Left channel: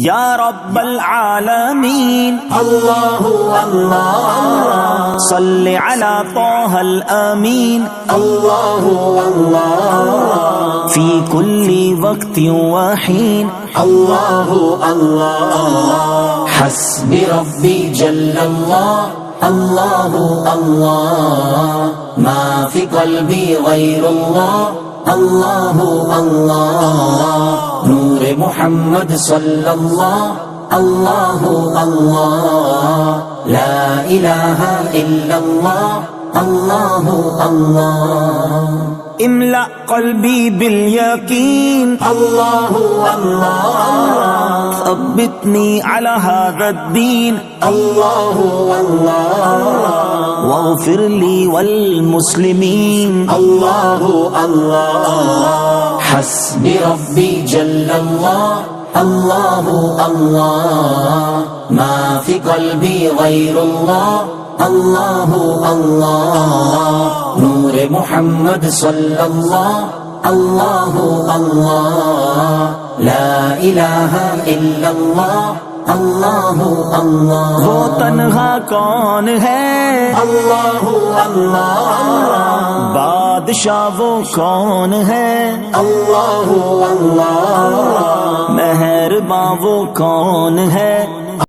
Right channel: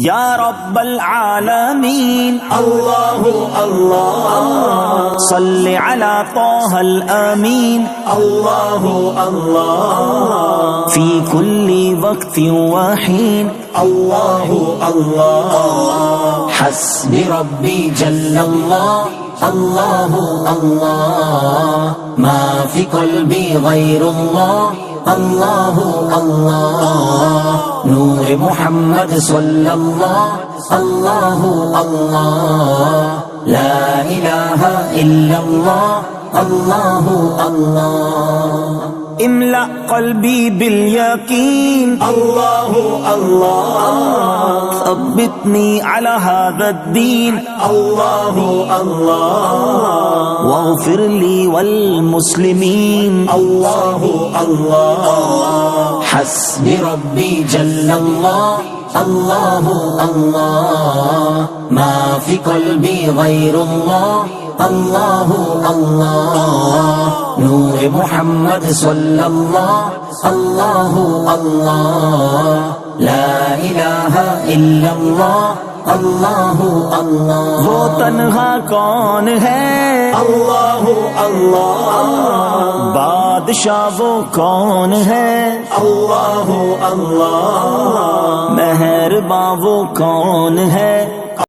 یا رب العالمین اللہ اللہ اللہ صل علی طہ الامین اللہ اللہ فی کل وقت وحین اللہ اللہ حسبی ربی جل اللہ اللہ اللہ ما فی قلبی غیر اللہ اللہ اللہ نور محمد صلی اللہ اللہ اللہ لا الہ الا اللہ اللہ اللہ املأ قلبی بالیقین اللہ اللہ اللہ ثبتنی علی هذا الدین اللہ اللہ واغفر لی والمسلمین اللہ اللہ حسبی ربی جل اللہ اللہ اللہ ما فی قلبی غیر اللہ اللہ اللہ نور محمد صلی اللہ اللہ اللہ لا الہ الا اللہ اللہ اللہ وہ تنہا کون ہے اللہ اللہ اللہ بادشاہ وہ کون ہے اللہ اللہ مہرباں وہ کون ہے